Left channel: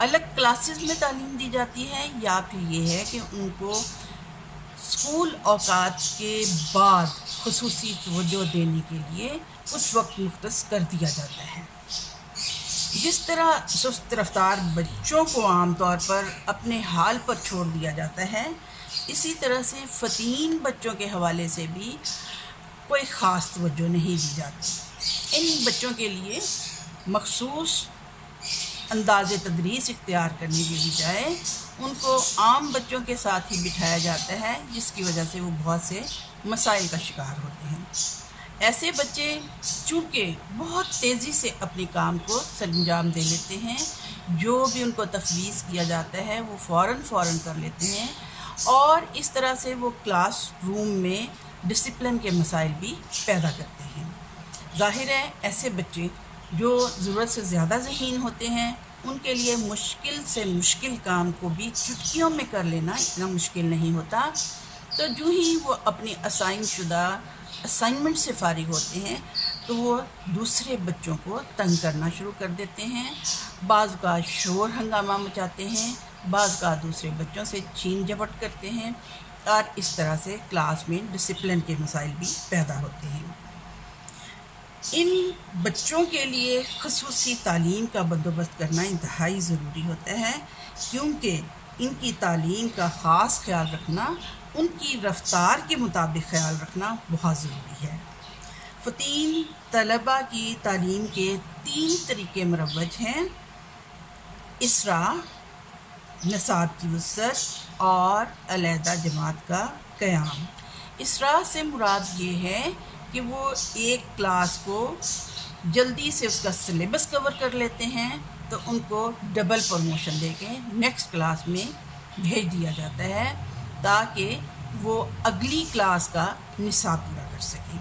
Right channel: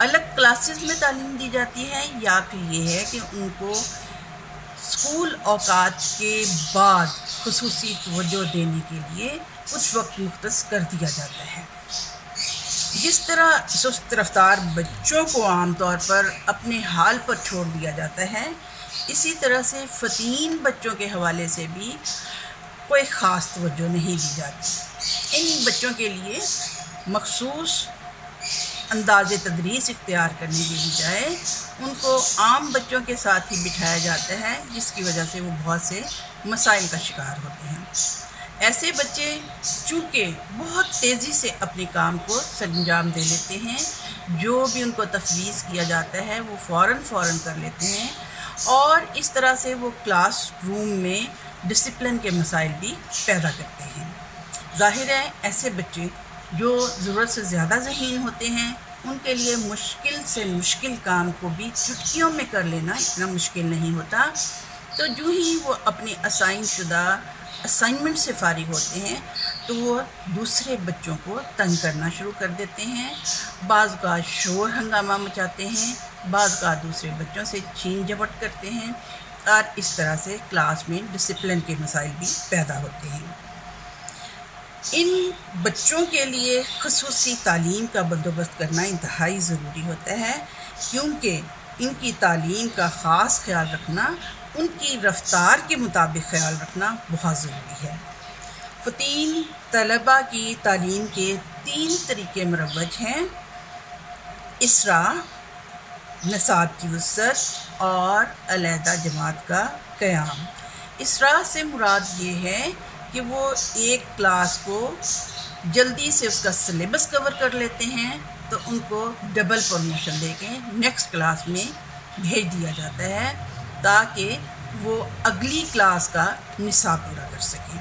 الگ کلاسز میں تعلیم دی جاتی ہے یا پھر یہ ہے کہ ان کو اسکول اوقات کے بعد خصوصی توجہ دینے کے لیے کچھ وقت مختص کر دیا جاتا ہے۔ جس طرح سست رفتار بچوں کو عام طور پر اپنے حال پر چھوڑ دیا جاتا ہے، اسی طرح سے فطین بچوں کے حوالے سے بھی کوئی خاص توجہ نہیں دی جاتی۔ ان بچوں کے لیے مخصوص انداز تدریس اختیار کرنے کے بجائے ان کو عام بچوں کے ساتھ ہی بٹھایا جاتا ہے، جس کی وجہ سے وہ بہت سے مسائل کا شکار ہوتے ہیں۔ ایسے بچے چونکہ بہت تیزی سے اپنے کام کو سر انجام دے لیتے ہیں، جو بھی ان کو تفویض کیا جاتا ہے وہ فوراً کر لیتے ہیں، اور اس طرح سے وہ کلاس روم میں ڈسپلن کے مسائل بھی پیدا کرتے ہیں۔ ظاہر ہے ایسے بچے جو ضرورت سے زیادہ ذہین ہوتے ہیں، ان کے لیے مشکل سے مشکل کام کو بھی چٹکیوں میں کر لینا اتنا مشکل نہیں ہوتا، تو جو ہی وہ اپنی اسائن شدہ اسائنمنٹ سے فارغ ہوتے ہیں تو وہ دوسرے بچوں کو تنگ کرنا شروع کر دیتے ہیں، بعض کا شور ہنگامہ مچاتے ہیں، بعض کا دوسرے بچوں سے چھین جھپٹ کرتے ہیں، اور اس طرح سے کلاس میں ڈسپلن کے مسائل بھی پیدا ہوتے ہیں۔ ان بچوں کے لیے خصوصی تعلیم کا بندوبست کرنا انتہائی ضروری ہوتا ہے، کیونکہ ان کی تعلیم کا خاص خیال رکھنا، ان کی رفتار کے مطابق خیال رکھنا بہت ضروری ہے۔ فطین طلباء کی تعلیم کے 3 طریقے مروج ہیں: اسرا، نصاب کی وسعت اور علیحدہ جماعت کا قیام۔ اسرا سے مراد یہ ہے کہ وہ ایک کلاس کو جلدی سے اس کا سلیبس کور کر لیتے ہیں تو ان کو ڈبل پروموشن دے کے نیکسٹ کلاس میں بھیج دیا جاتا ہے تاکہ وہ اگلی کلاس کا نصاب پورا کر سکیں،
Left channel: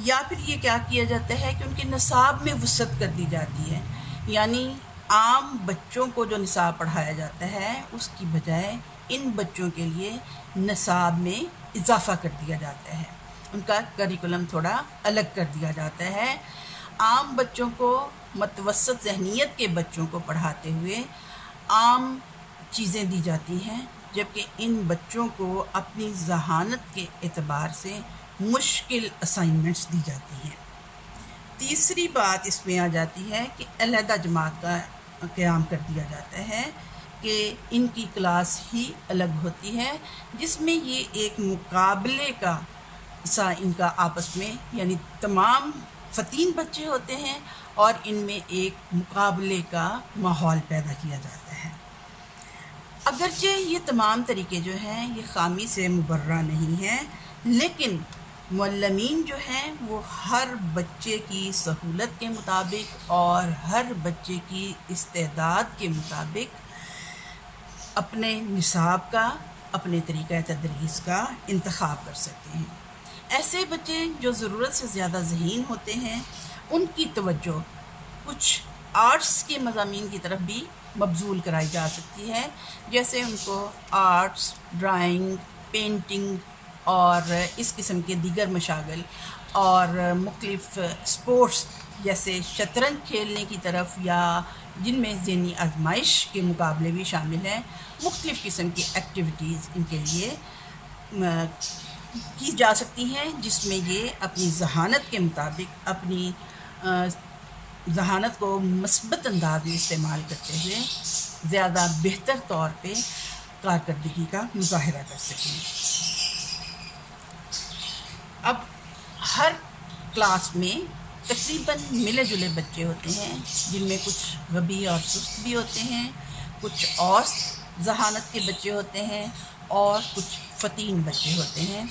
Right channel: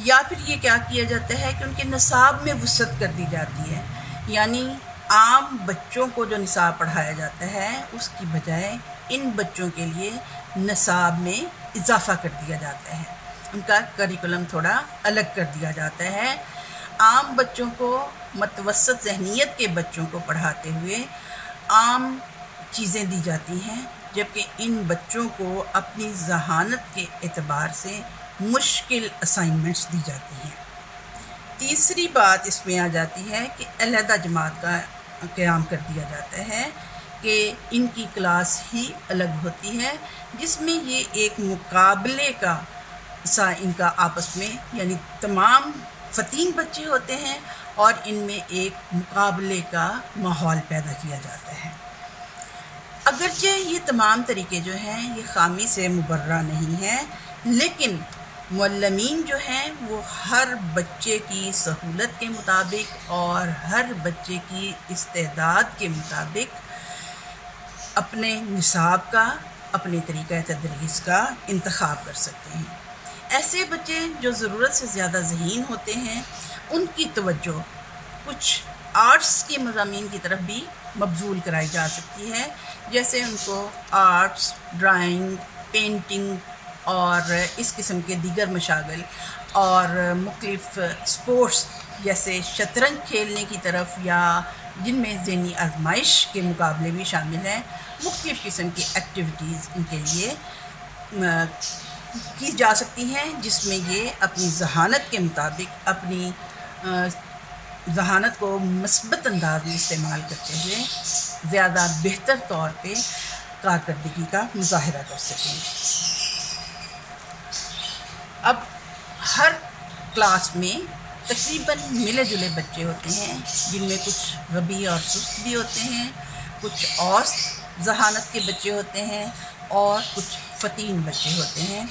یا پھر یہ کیا کیا جاتا ہے کہ ان کے نصاب میں وسعت کر دی جاتی ہے، یعنی عام بچوں کو جو نصاب پڑھایا جاتا ہے اس کی بجائے ان بچوں کے لیے نصاب میں اضافہ کر دیا جاتا ہے، ان کا کریکولم تھوڑا الگ کر دیا جاتا ہے۔ عام بچوں کو، متوسط ذہنیت کے بچوں کو پڑھاتے ہوئے عام چیزیں دی جاتی ہیں، جبکہ ان بچوں کو اپنی ذہانت کے اعتبار سے مشکل اسائنمنٹس دی جاتی ہیں۔ تیسری بات اس میں آ جاتی ہے کہ علیحدہ جماعت کا قیام کر دیا جاتا ہے کہ ان کی کلاس ہی الگ ہوتی ہے، جس میں یہ ایک مقابلے کا ان کا آپس میں، یعنی تمام فطین بچے ہوتے ہیں اور ان میں ایک مقابلے کا ماحول پیدا کیا جاتا ہے۔ اگرچہ یہ تمام طریقے جو ہیں یہ خامی سے مبرہ نہیں ہیں، لیکن معلمین جو ہیں وہ ہر بچے کی سہولت کے مطابق اور ہر بچے کی استعداد کے مطابق اپنے نصاب کا، اپنے طریقہ تدریس کا انتخاب کر سکتے ہیں۔ ایسے بچے جو ضرورت سے زیادہ ذہین ہوتے ہیں، ان کی توجہ کچھ آرٹس کے مضامین کی طرف بھی مبذول کرائی جا سکتی ہے، جیسے ان کو آرٹس، ڈرائنگ، پینٹنگ اور اس قسم کے دیگر مشاغل، اور مختلف سپورٹس جیسے شطرنج کھیلنے کی طرف، یا جن میں ذہنی آزمائش کے مقابلے بھی شامل ہیں، مختلف قسم کی ایکٹیویٹیز ان کے لیے کی جا سکتی ہیں، جس میں یہ اپنی ذہانت کے مطابق اپنی ذہانت کو مثبت انداز میں استعمال کرتے ہوئے زیادہ بہتر طور پہ کارکردگی کا مظاہرہ کر سکیں۔ اب ہر کلاس میں تقریباً ملے جلے بچے ہوتے ہیں، جن میں کچھ غبی اور سست بھی ہوتے ہیں، کچھ اوسط ذہانت کے بچے ہوتے ہیں اور کچھ فطین بچے ہوتے ہیں۔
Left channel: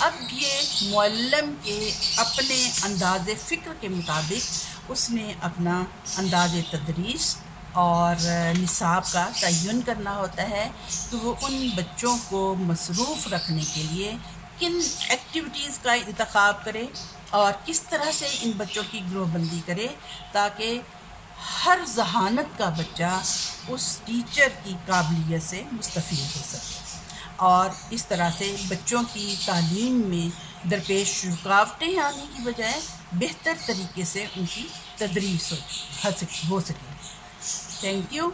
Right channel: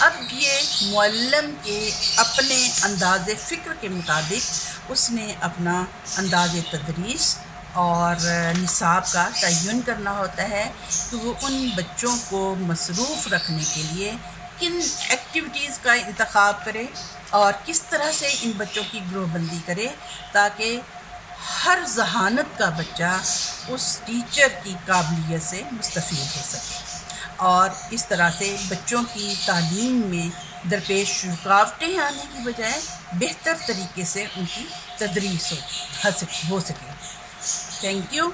اب یہ معلم کے اپنے انداز فکر کے مطابق اس نے اپنا انداز تدریس اور نصاب کا تعین کرنا ہوتا ہے کہ وہ ان بچوں کو مصروف رکھنے کے لیے کن ایکٹیویٹیز کا انتخاب کرے اور کس طرح سے ان بچوں کی گروہ بندی کرے تاکہ ہر ذہانت کا بچہ اس ٹیچر کی قابلیت سے مستفید ہو سکے، اور اس طرح سے بچوں کی تعلیم میں درپیش رکاوٹیں آنے کی بجائے بہتر طریقے سے ان کی تدریس ہو سکے۔ Thank you.